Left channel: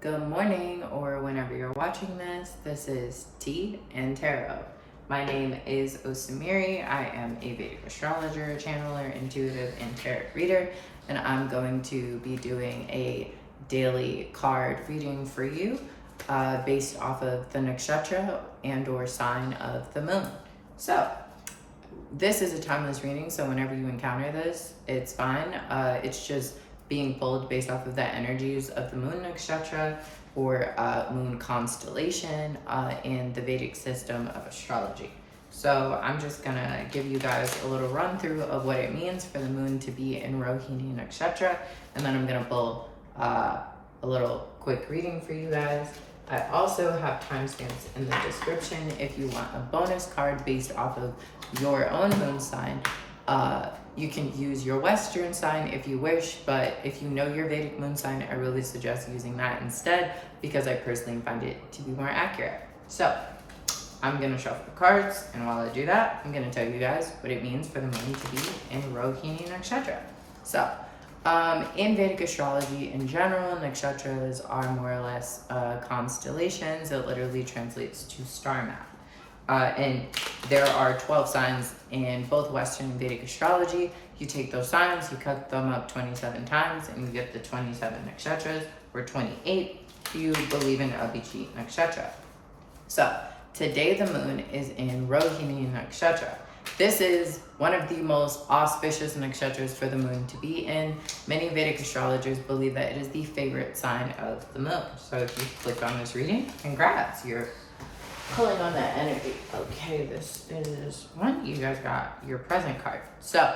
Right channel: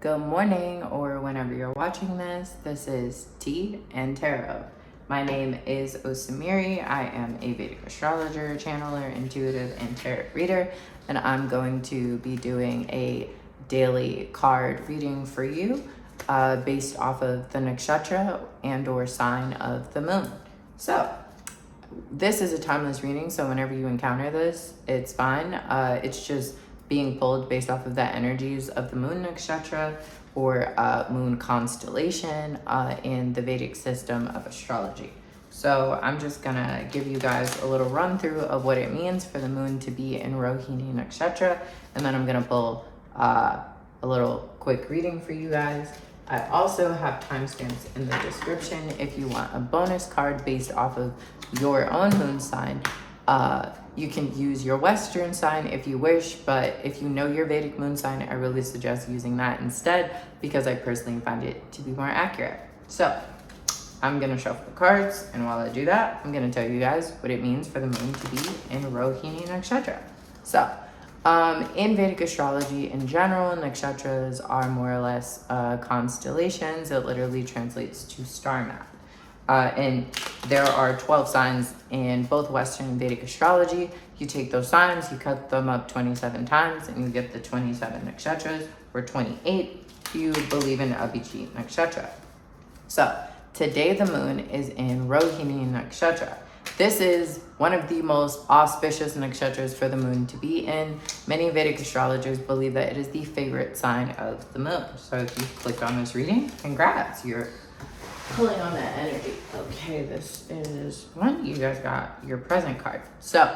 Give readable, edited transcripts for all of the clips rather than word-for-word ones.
Good morning, or whenever you're watching this. This is Tea and Tarot. My name is Osamiri. I am a Vedic astrologer, channeler, intuitive, and tarot reader, and I'm going to be doing a daily card reading for you based off of the nakshatra and or sign of the moon. So this is a timeless reading, so whenever you encounter this, it's fine. It's just being pulled based off of the energies of the moon nakshatra or moon constellation in the Vedic system of astrology. So I'm just gonna give you guys a little run through of what it means for the moon to be in Rohini nakshatra, and then I'm gonna pull a little quick reading for you guys. I also have timestamps in the description if you want a bonus card based off of your own moon sign. You can use your Western sign if you wish, but if you know your Vedic moon sign, I really suggest using that instead because I personally find it to be more accurate. So I'm gonna shuffle the cards, and while I do that, I'm gonna tell you guys what it means for the moon to be in Rohini nakshatra. So in Vedic astrology in general, nakshatras are more or less constellations. It literally translates to star map. And there are 12 signs in both Western and Vedic astrology. You take those signs, you cut them up 27 times, and you get the 27 nakshatras, or 28 if you believe in Abhijit nakshatra. So today the moon is in Rohini nakshatra. This is one of the most auspicious nakshatras for the moon to be in. Many Vedic astrologers believe that it is the favorite sign of the moon. So if you clicked on this reading, congrats, you're pulling on that energy. Okay, this is one. You guys got your present card. So,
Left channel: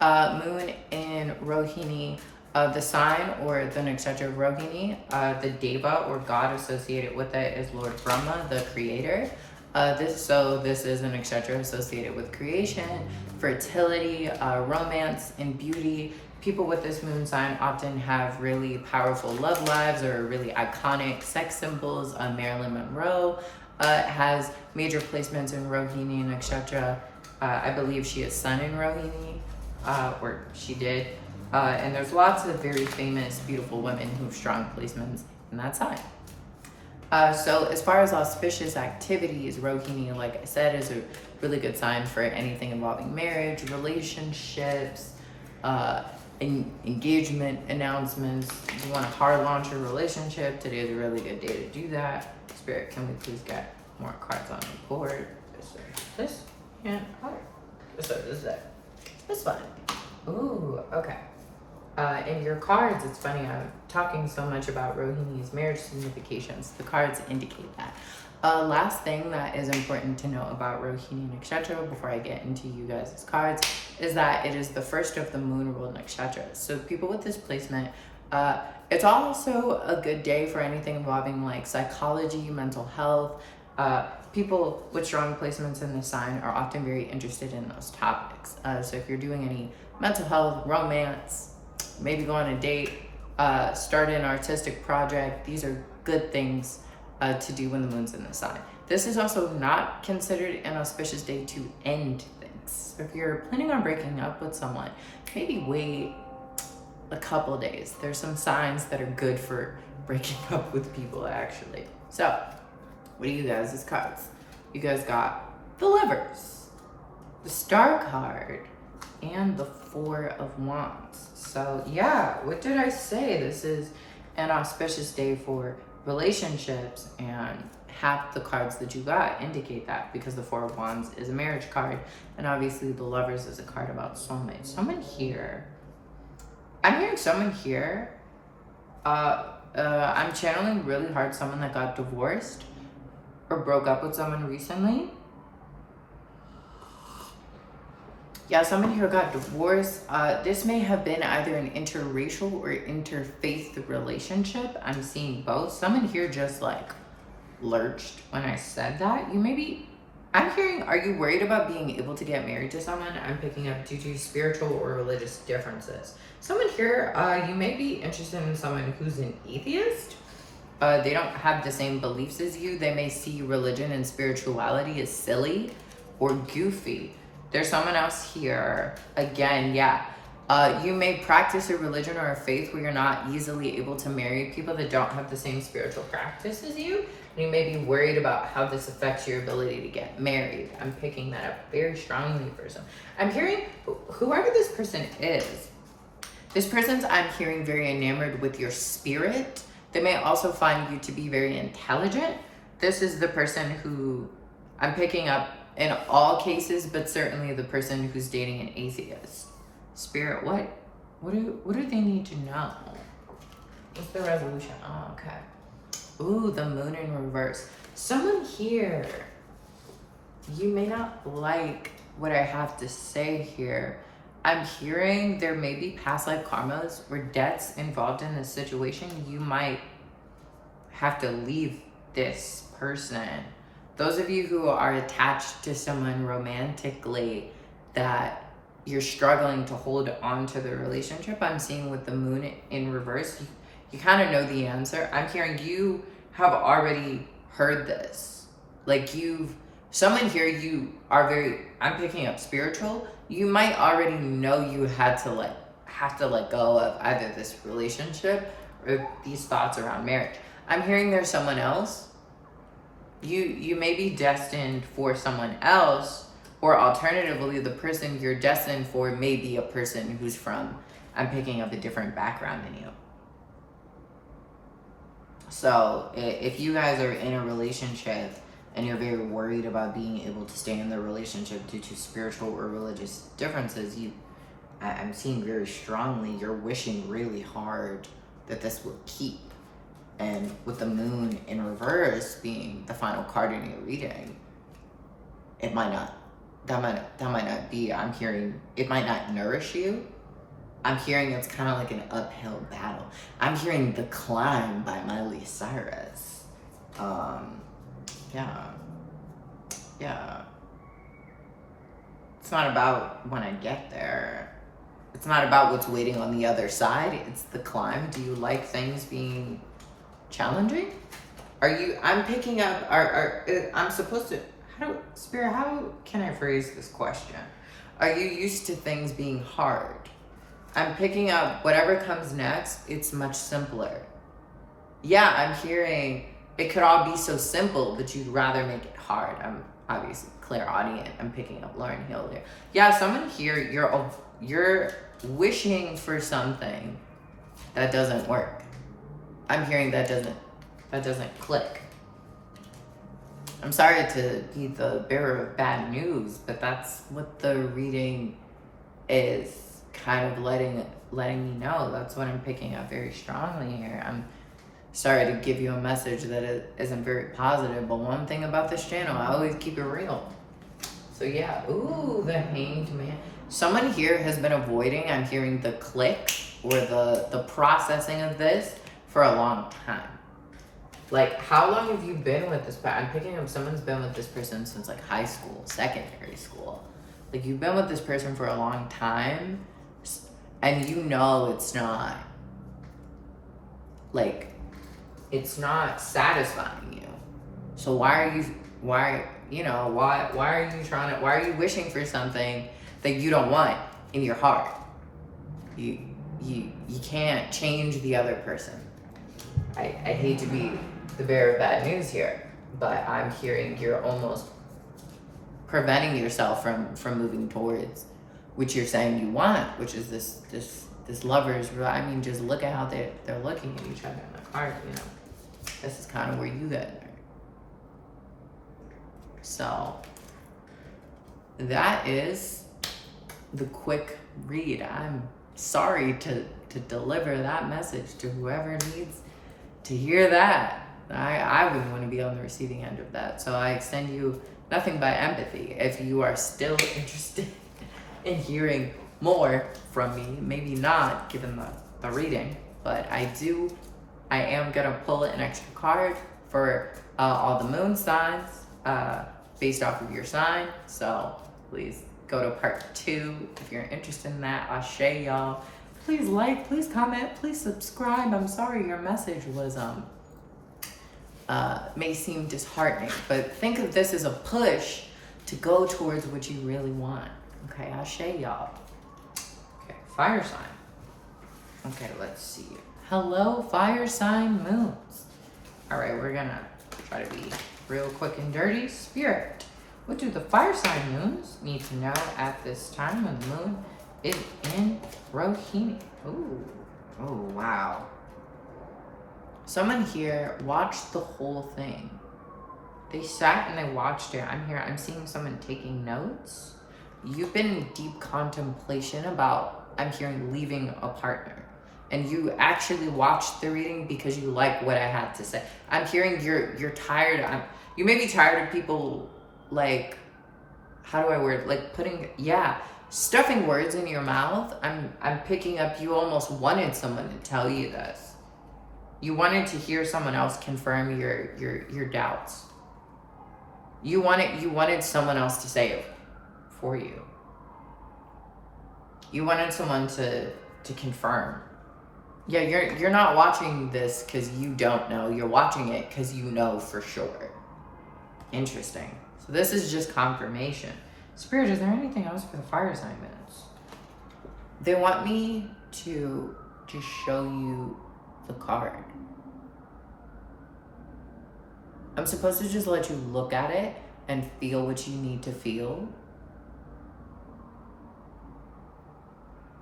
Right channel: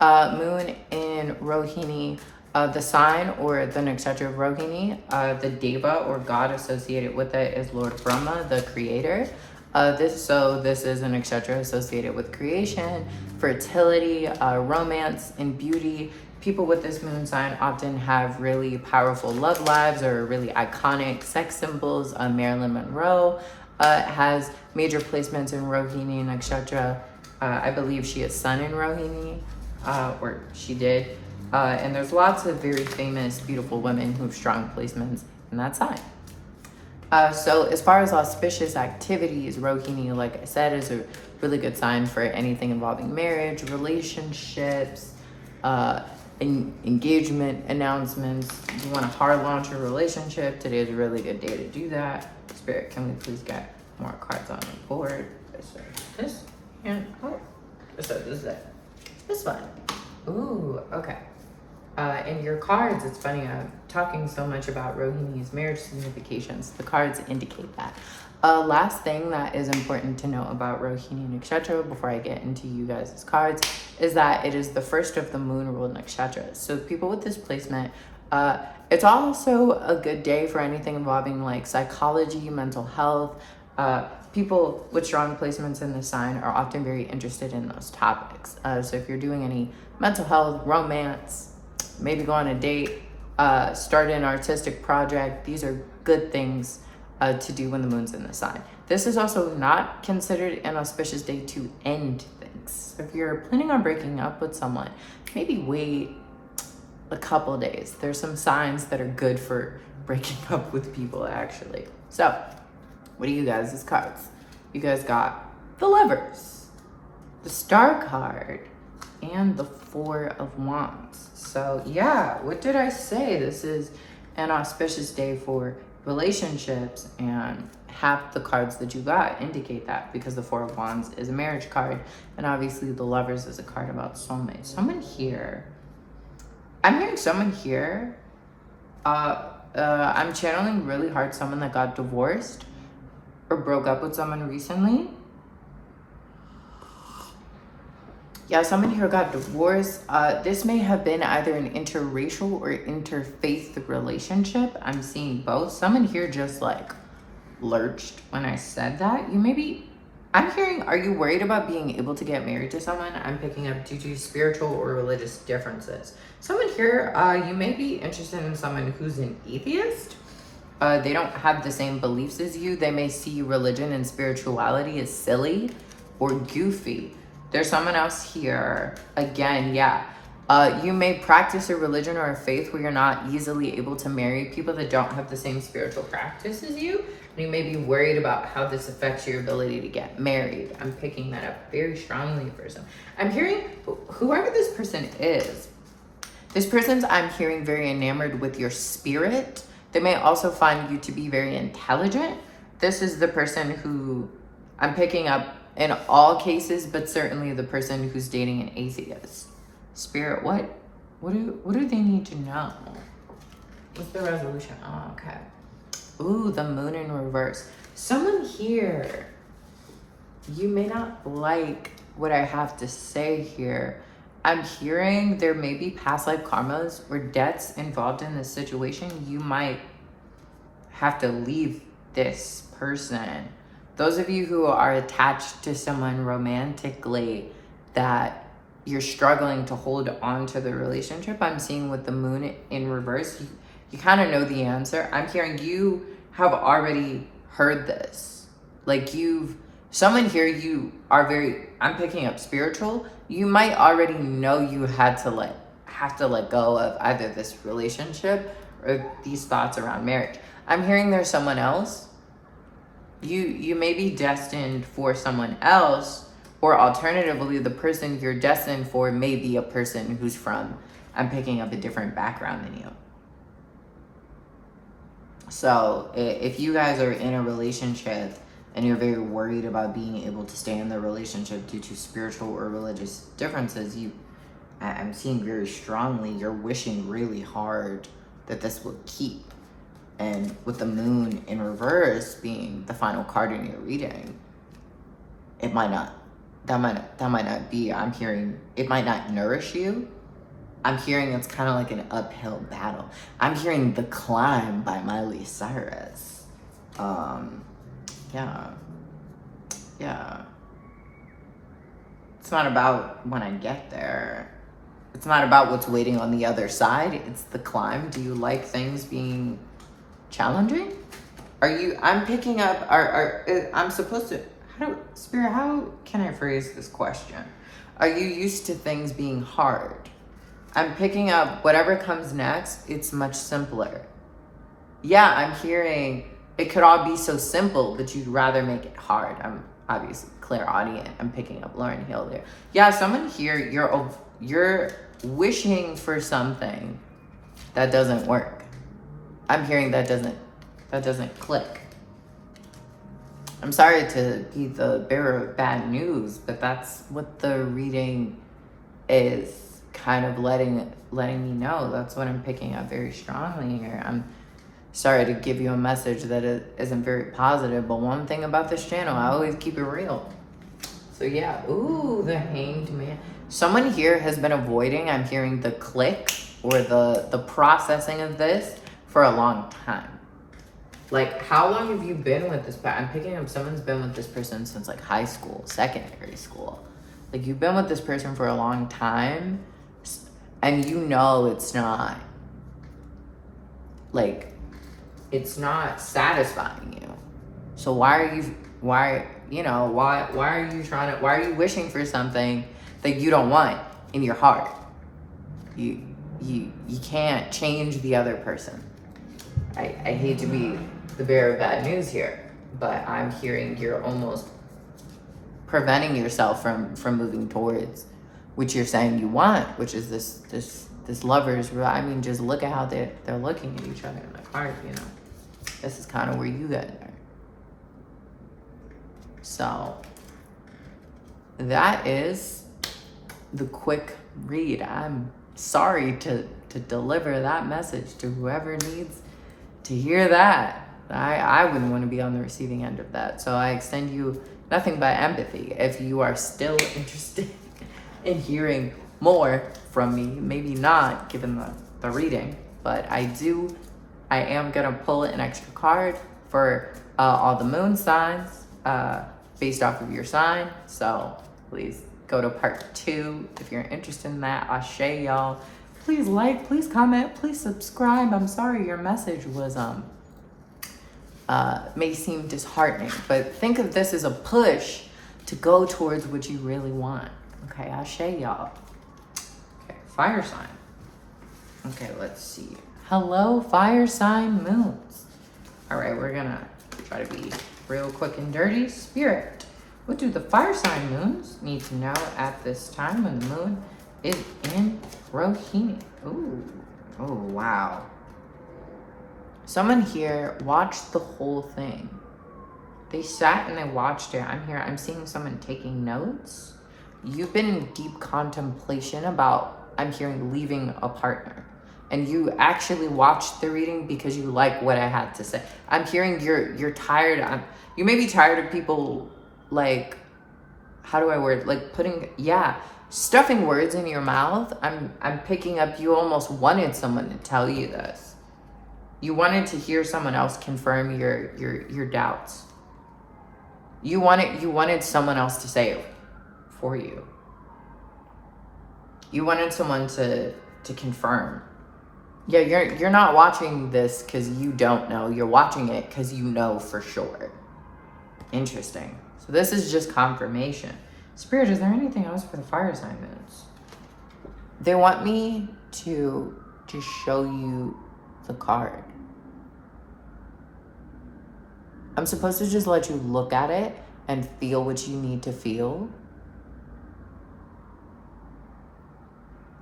moon in Rohini, the sign or the nakshatra of Rohini, the deva or god associated with it is Lord Brahma, the creator. This is a nakshatra associated with creation, fertility, romance, and beauty. People with this moon sign often have really powerful love lives or really iconic sex symbols. Marilyn Monroe has major placements in Rohini nakshatra. I believe she has sun in Rohini, or she did. And there's lots of very famous, beautiful women who have strong placements in that sign. So as far as auspicious activities, Rohini, like I said, is a really good sign for anything involving marriage, relationships, engagement announcements. If you want to hard launch a relationship, today is a really good day to do that. Spirit, can we please get more cards on the board? This and so this is it. This one. Ooh, okay. In your cards, it's funny, I'm talking so much about Rohini's marriage significations. The cards indicate that. Last thing that is important to know about Rohini nakshatra before I get into you guys' cards is that it is the first of the moon ruled nakshatras. So people with this placement, it's also a good day for anything involving like psychology, mental health. People with strong placements in the sign are often very interested in those topics. So if you're doing any mental health, romance, maybe go on a date, start an artistic project, these are good things to do when the moon's in the sign. This is also not considered an auspicious day to end things. So if you're planning on breaking up with someone, maybe wait a couple days. There's some signs that are good for breaking up with people, actually. So, what do you guys as cards? You guys got the Lovers, the Star card, and the Four of Wands. So yeah, what did I say? This is an auspicious day for relationships, and half the cards that you got indicate that because the Four of Wands is a marriage card, and obviously the Lovers is a card about soulmates. Someone here, I'm hearing someone here, I'm channeling really hard someone that got divorced or broke up with someone recently. Yeah, someone here got divorced. This may have been either an interracial or interfaith relationship. I'm seeing both. Someone here just like lurched when I said that. I'm hearing, are you worried about being able to get married to someone? I'm picking up due to spiritual or religious differences. Someone here, you may be interested in someone who's an atheist. They don't have the same beliefs as you. They may see religion and spirituality as silly or goofy. There's someone else here. Again, yeah. You may practice a religion or a faith where you're not easily able to marry people that don't have the same spiritual practice as you. And you may be worried about how this affects your ability to get married. I'm picking that up very strongly for some. I'm hearing whoever this person is, this person's, I'm hearing, very enamored with your spirit. They may also find you to be very intelligent. This is the person who I'm picking up in all cases, but certainly the person who's dating an atheist. Spirit, what do they need to know? What's the resolution? Oh, okay. Ooh, the moon in reverse. Someone here, you may not like what I have to say here. I'm hearing there may be past life karmas or debts involved in this situation. You might have to leave this person. Those of you who are attached to someone romantically that you're struggling to hold on to the relationship, I'm seeing with the moon in reverse, you kind of know the answer. I'm hearing you have already heard this. Like someone here, you are very, I'm picking up spiritual. You might already know you have to let go of either this relationship or these thoughts around marriage. I'm hearing there's someone else. You may be destined for someone else, or alternatively, the person you're destined for may be a person who's from, I'm picking up a different background than you. So if you guys are in a relationship and you're very worried about being able to stay in the relationship due to spiritual or religious differences, I'm seeing very strongly you're wishing really hard that this will keep. And with the moon in reverse being the final card in your reading, it might not, that might not be, I'm hearing, it might not nourish you. I'm hearing it's kind of like an uphill battle. I'm hearing The Climb by Miley Cyrus. Yeah. It's not about when I get there. It's not about what's waiting on the other side. It's the climb. Do you like things being challenging? I'm picking up, I'm supposed to, Spirit, how can I phrase this question? Are you used to things being hard? I'm picking up whatever comes next, it's much simpler. Yeah, I'm hearing it could all be so simple, but you'd rather make it hard. I'm obviously clairaudient. I'm picking up Lauren Hill there. Yeah, someone here, you're wishing for something that doesn't work. I'm hearing that doesn't click. I'm sorry to be the bearer of bad news, but that's what the reading is kind of letting me know. That's what I'm picking up very strongly here. I'm sorry to give you a message that isn't very positive, but one thing about this channel, I always keep it real. So yeah, ooh, the Hanged Man. Someone here has been avoiding, I'm hearing, the click or the processing of this for a long time. Like, how long have you been with this person? I'm picking up someone's been with this person since like high school, secondary school. Like, you've been with this person for a long time, and you know it's not, like, it's not satisfying you. So why are you wishing for something that you don't want in your heart? You can't change the other person. I hate to be the bearer of bad news here, but I'm hearing you're almost preventing yourself from moving towards what you're saying you want, which is this lovers. I mean, just look at how they're looking at each other in the card, you know. This is kind of where you guys are. So that is the quick read. I'm sorry to deliver that message to whoever needs to hear that. I wouldn't want to be on the receiving end of that. So I extend you nothing but empathy. If you are still interested in hearing more from me, maybe not given the reading, but I am going to pull an extra card for all the moon signs based off of your sign. So please go to part 2 if you're interested in that. Ashe, y'all. Please like, please comment, please subscribe. I'm sorry your message was may seem disheartening, but think of this as a push to go towards what you really want. Okay, Ashe, y'all. Okay, fire sign. Okay, let's see. Hello, fire sign moons. All right, we're gonna try to be real quick and dirty. Spirit, what do the fire sign moons need to know at this time when the moon is in Rohini? Ooh, oh wow. Someone here watched the whole thing. They sat and they watched it. I'm seeing someone taking notes. You've been in deep contemplation about, I'm hearing, leaving a partner. And you actually watched the reading because you like what I had to say. I'm hearing you're tired. You may be tired of people, like, how do I word, like stuffing words in your mouth. I'm picking up you almost wanted someone to tell you this. You wanted to hear someone else confirm your doubts. You wanted someone else to say it for you. You wanted someone to confirm. Yeah, you're not watching this because you don't know. You're watching it because you know for sure. Interesting. So this is just confirmation. Spirit, is there anything else for the fire sign moons? They want me to just show you the card. I'm supposed to just let you look at it and feel what you need to feel.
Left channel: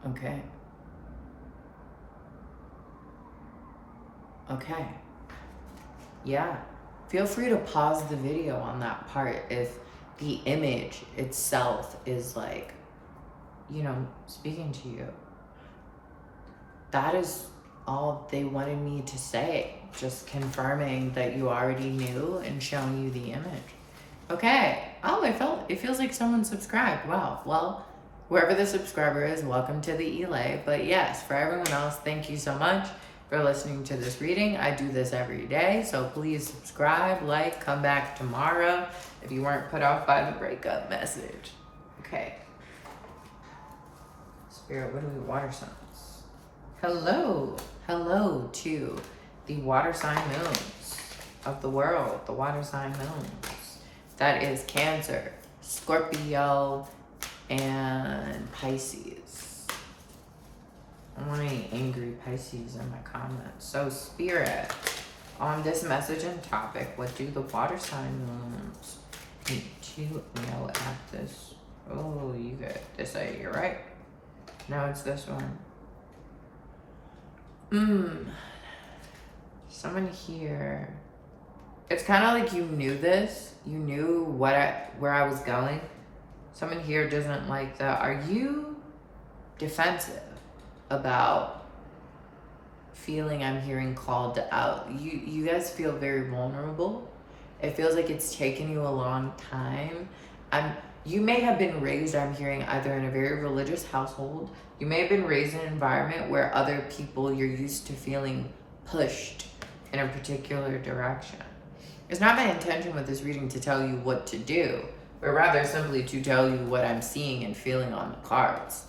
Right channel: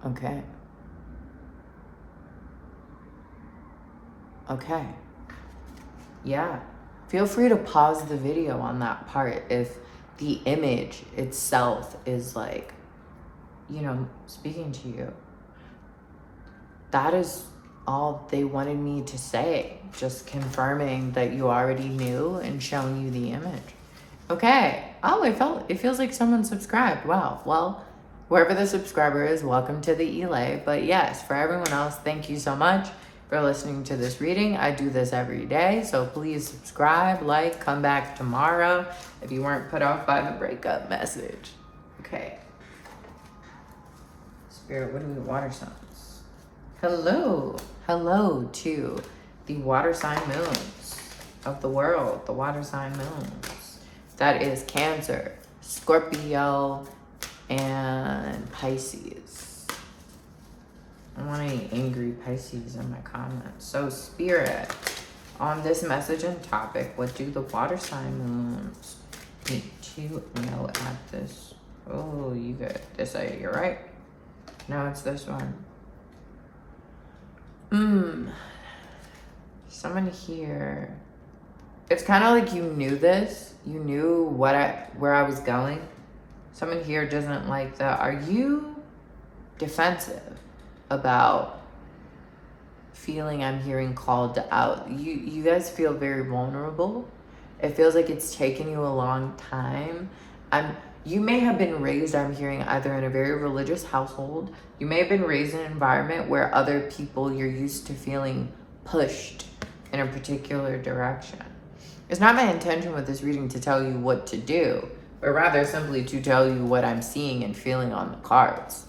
Okay. Okay. Yeah. Feel free to pause the video on that part if the image itself is like, speaking to you. That is all they wanted me to say. Just confirming that you already knew and showing you the image. Okay. Oh, it feels like someone subscribed. Wow. Well, whoever the subscriber is, welcome to the Ile. But yes, for everyone else, thank you so much for listening to this reading. I do this every day, so please subscribe, like, come back tomorrow if you weren't put off by the breakup message. Okay. Spirit, what are we water signs? Hello to the water sign moons of the world, the water sign moons. That is Cancer, Scorpio, and Pisces. I don't want any angry Pisces in my comments. So Spirit, on this message and topic, what do the water sign moons need to know at this? Oh, you got this. You're right. No, it's this one. Someone here. It's kind of like you knew this. You knew where I was going. Someone here doesn't like that. Are you defensive about feeling, I'm hearing, called out? You guys feel very vulnerable. It feels like it's taken you a long time. You may have been raised, I'm hearing, either in a very religious household. You may have been raised in an environment where other people, you're used to feeling pushed in a particular direction. It's not my intention with this reading to tell you what to do, but rather simply to tell you what I'm seeing and feeling on the cards.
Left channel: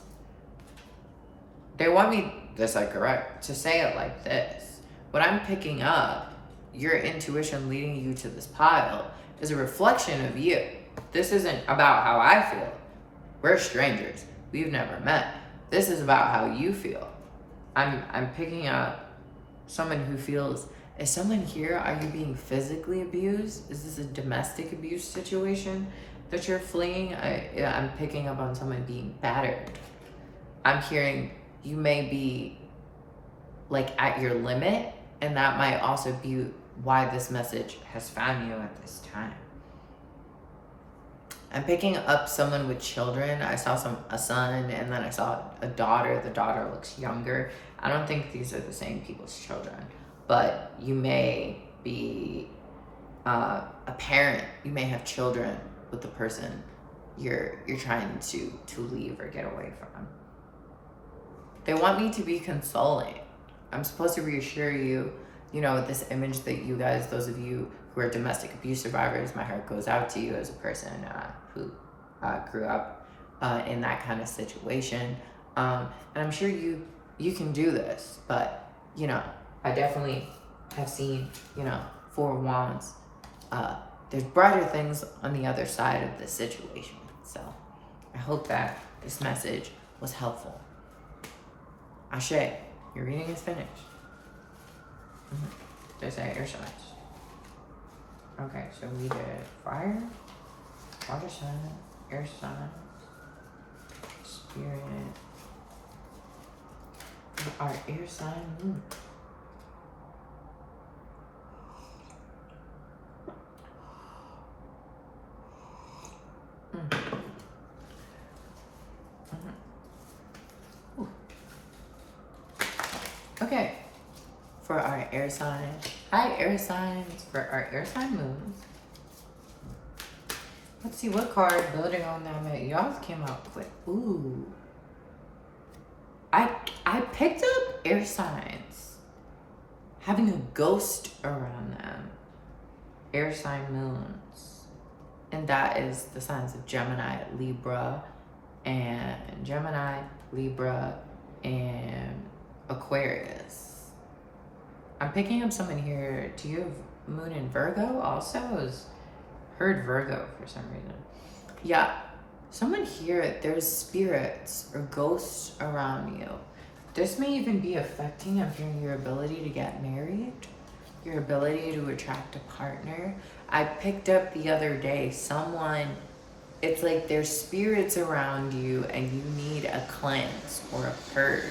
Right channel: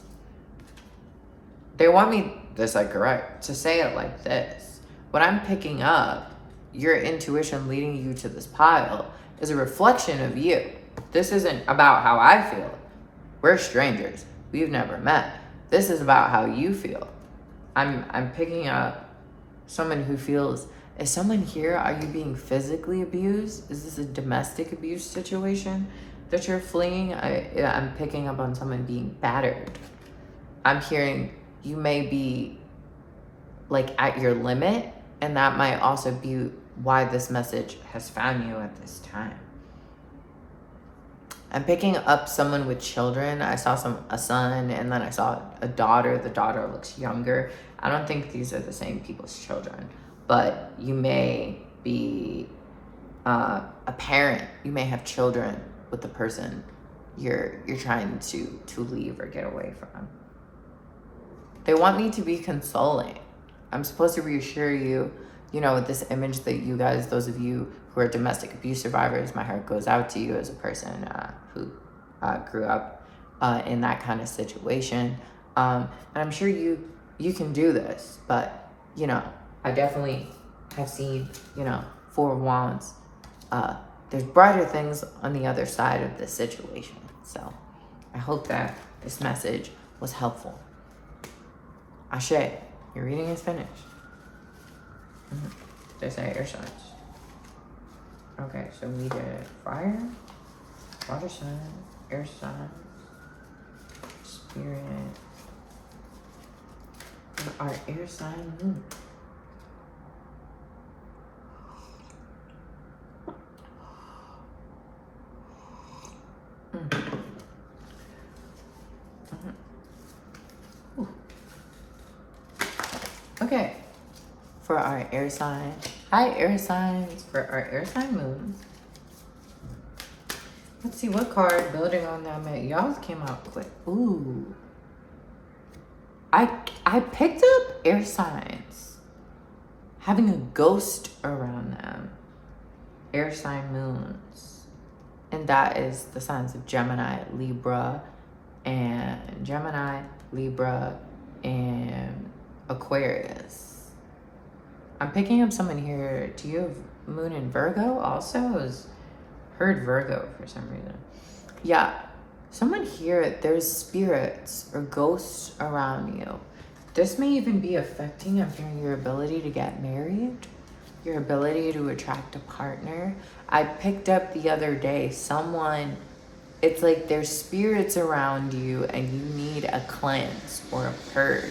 They want me, this I correct, to say it like this. What I'm picking up, your intuition leading you to this pile, is a reflection of you. This isn't about how I feel. We're strangers. We've never met. This is about how you feel. I'm picking up someone who feels, is someone here, are you being physically abused? Is this a domestic abuse situation that you're fleeing? I'm picking up on someone being battered. I'm hearing you may be like at your limit, and that might also be why this message has found you at this time. I'm picking up someone with children. I saw a son, and then I saw a daughter. The daughter looks younger. I don't think these are the same people's children, but you may be a parent. You may have children with the person you're trying to leave or get away from. They want me to be consoling. I'm supposed to reassure you, with this image that you guys, those of you who are domestic abuse survivors, my heart goes out to you as a person who grew up in that kind of situation. And I'm sure you can do this, but, I definitely have seen, 4 of Wands. There's brighter things on the other side of this situation. So I hope that this message was helpful. Ashe, your reading is finished. They say air signs. Okay, so we did fire, water sign, air sign, spirit, and our air sign moon. Okay, for our air sign, hi air signs, for our air sign moons. Let's see what card building on them. Y'all came out quick. Ooh. I picked up air signs having a ghost around them. Air sign moons. And that is the signs of Gemini, Libra, and Aquarius. I'm picking up someone here. Do you have moon in Virgo also? I heard Virgo for some reason. Yeah, someone here, there's spirits or ghosts around you. This may even be affecting, I'm hearing, your ability to get married, your ability to attract a partner. I picked up the other day someone, it's like there's spirits around you and you need a cleanse or a purge.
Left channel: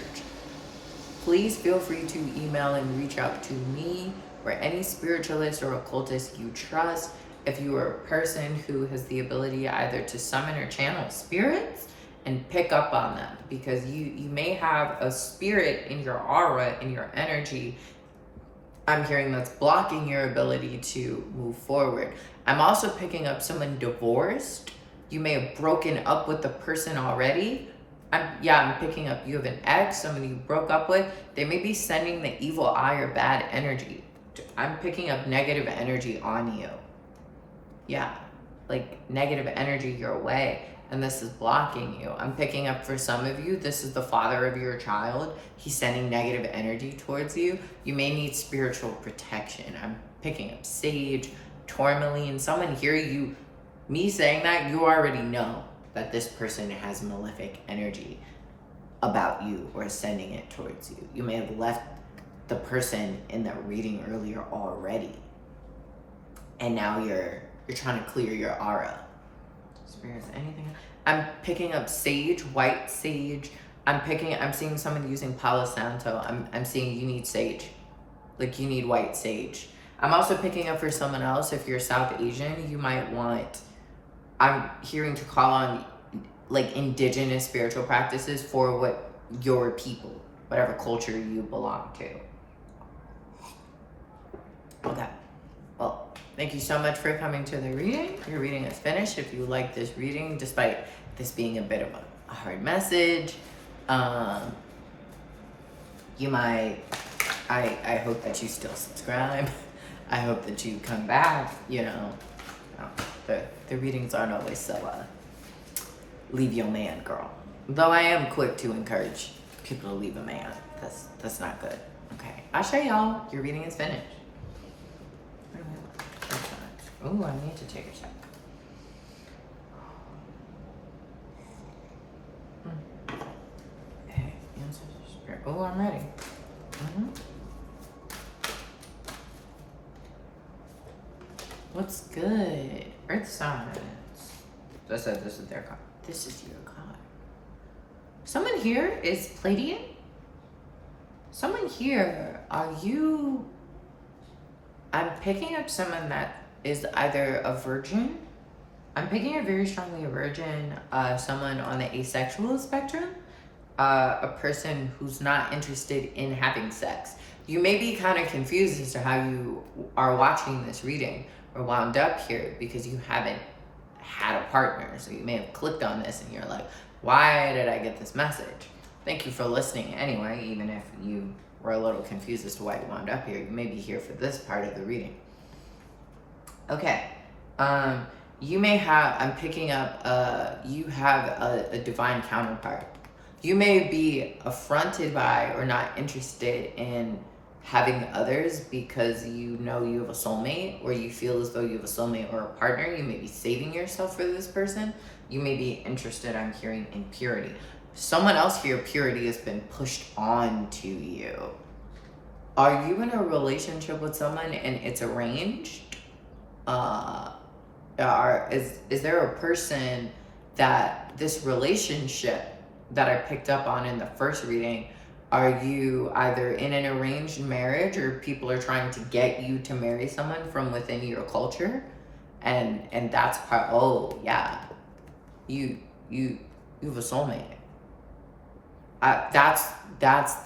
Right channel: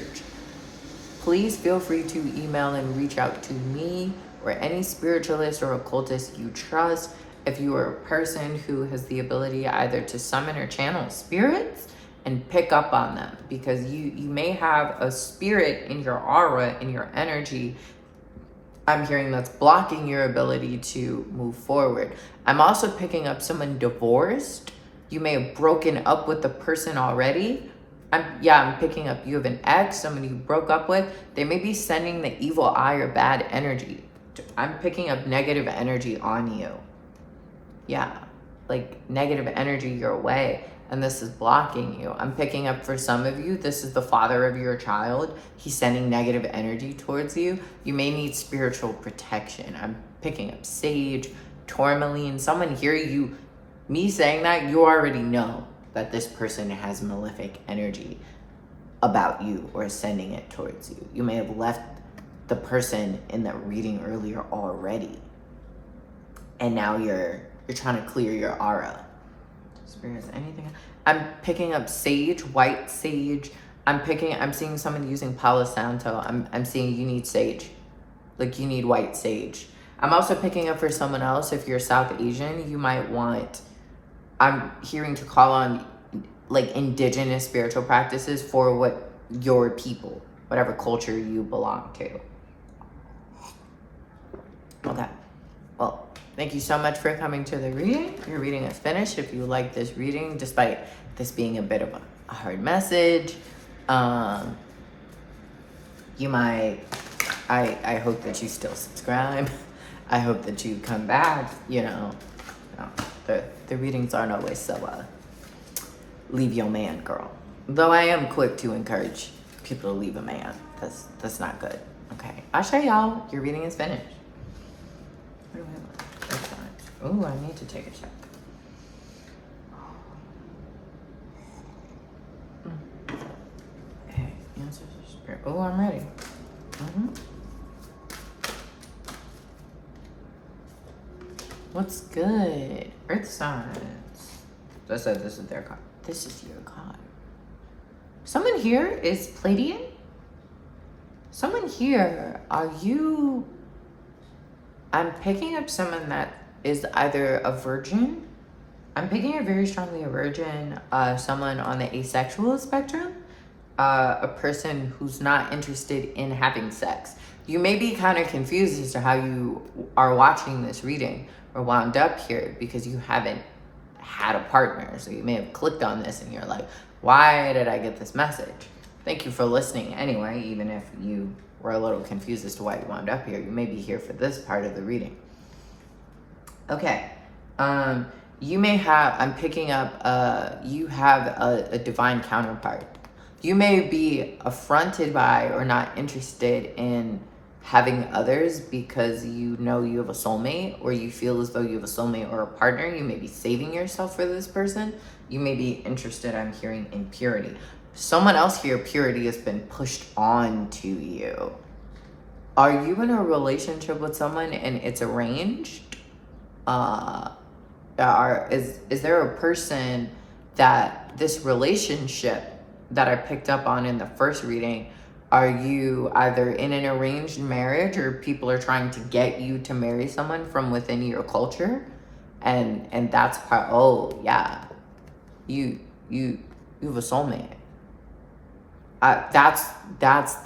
Please feel free to email and reach out to me or any spiritualist or occultist you trust. If you are a person who has the ability either to summon or channel spirits and pick up on them, because you may have a spirit in your aura, in your energy, I'm hearing, that's blocking your ability to move forward. I'm also picking up someone divorced. You may have broken up with the person already. I'm picking up you have an ex, somebody you broke up with. They may be sending the evil eye or bad energy. I'm picking up negative energy on you. Yeah, like negative energy your way, and this is blocking you. I'm picking up for some of you, this is the father of your child. He's sending negative energy towards you. You may need spiritual protection. I'm picking up sage, tourmaline. Someone here, me saying that, you already know that this person has malefic energy about you or sending it towards you. You may have left the person in that reading earlier already, and now you're trying to clear your aura. Spirits, anything? I'm picking up sage, white sage. I'm seeing someone using Palo Santo. I'm seeing you need sage. Like you need white sage. I'm also picking up for someone else, if you're South Asian, you might want, I'm hearing to call on like indigenous spiritual practices for what your people, whatever culture you belong to. Okay. Well, thank you so much for coming to the reading. Your reading is finished. If you like this reading, despite this being a bit of a hard message, you might, I hope that you still subscribe. I hope that you come back, the readings aren't always so, leave your man, girl. Though I am quick to encourage people to leave a man. That's not good. Okay. I'll show y'all. Your reading is finished. Oh, I need to take a check. Okay, answer the spirit. Oh, I'm ready. What's good? Earth signs. I said this is their card. This is your card. Someone here is Pleiadian. Someone here, I'm picking up someone that is either a virgin. I'm picking up very strongly a virgin, someone on the asexual spectrum, a person who's not interested in having sex. You may be kind of confused as to how you are watching this reading or wound up here because you haven't had a partner. So you may have clicked on this and you're like, why did I get this message? Thank you for listening anyway, even if you were a little confused as to why you wound up here. You may be here for this part of the reading. Okay. You may have, I'm picking up, you have a divine counterpart. You may be affronted by or not interested in having others because you know you have a soulmate, or you feel as though you have a soulmate or a partner. You may be saving yourself for this person. You may be interested, I'm hearing, in purity. someone else for your purity has been pushed on to you. Are you in a relationship with someone and it's arranged? Is there a person that this relationship that I picked up on in the first reading, are you either in an arranged marriage or people are trying to get you to marry someone from within your culture? And that's part, oh yeah, you have a soulmate. That's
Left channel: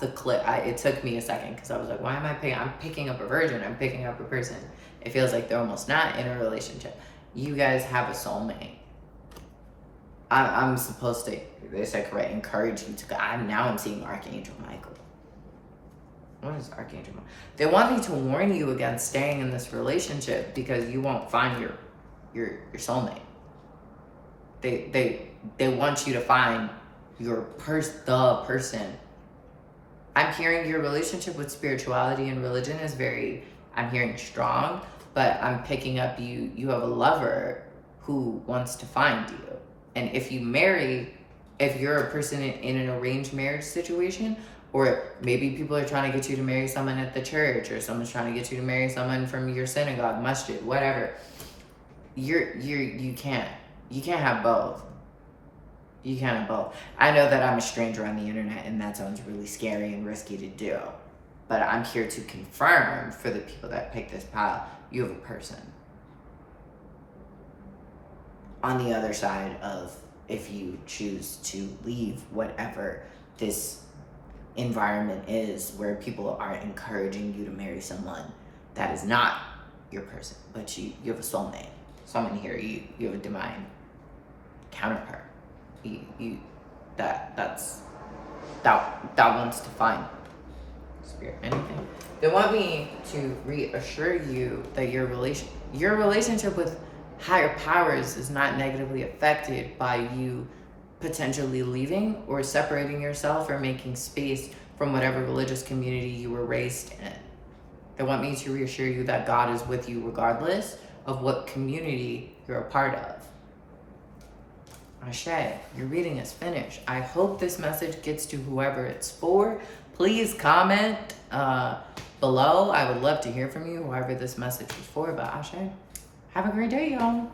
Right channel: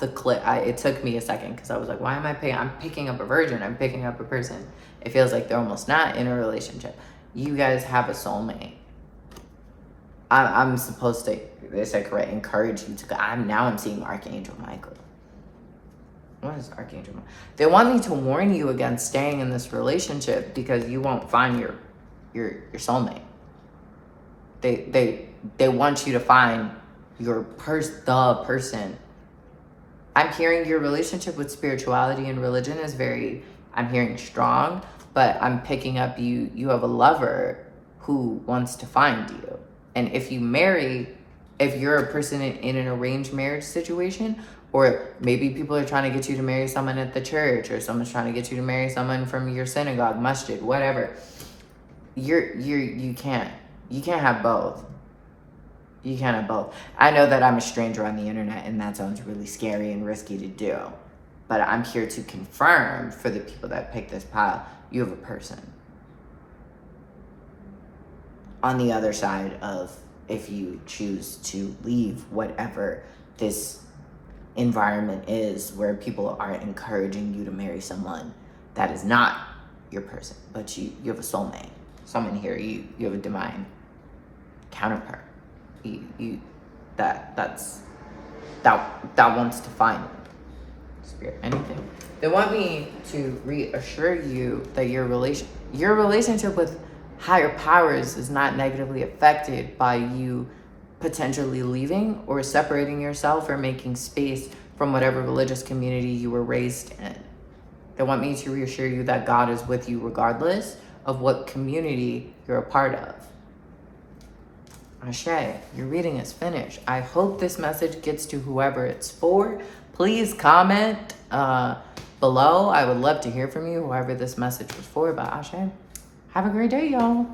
the clip. It took me a second because I was like, why am I picking? I'm picking up a virgin. I'm picking up a person. It feels like they're almost not in a relationship. You guys have a soulmate. I'm supposed to, they said correct, encourage you to go. I'm seeing Archangel Michael. What is Archangel Michael? They want me to warn you against staying in this relationship because you won't find your soulmate. They want you to find the person. I'm hearing your relationship with spirituality and religion is very, I'm hearing strong, but I'm picking up you have a lover who wants to find you. And if you marry, if you're a person in an arranged marriage situation, or maybe people are trying to get you to marry someone at the church, or someone's trying to get you to marry someone from your synagogue, masjid, whatever, you can't have both. You can't have both. I know that I'm a stranger on the internet and that sounds really scary and risky to do, but I'm here to confirm for the people that pick this pile, you have a person on the other side of, if you choose to leave whatever this environment is where people are encouraging you to marry someone that is not your person, but you have a soulmate, someone here, you have a divine counterpart. That wants to find spirit, anything. They want me to reassure you that your relationship with higher powers is not negatively affected by you potentially leaving or separating yourself or making space from whatever religious community you were raised in. They want me to reassure you that God is with you regardless of what community you're a part of. Ashe, your reading is finished. I hope this message gets to whoever it's for. Please comment below. I would love to hear from you, whoever this message was for. But Ashe, have a great day, y'all.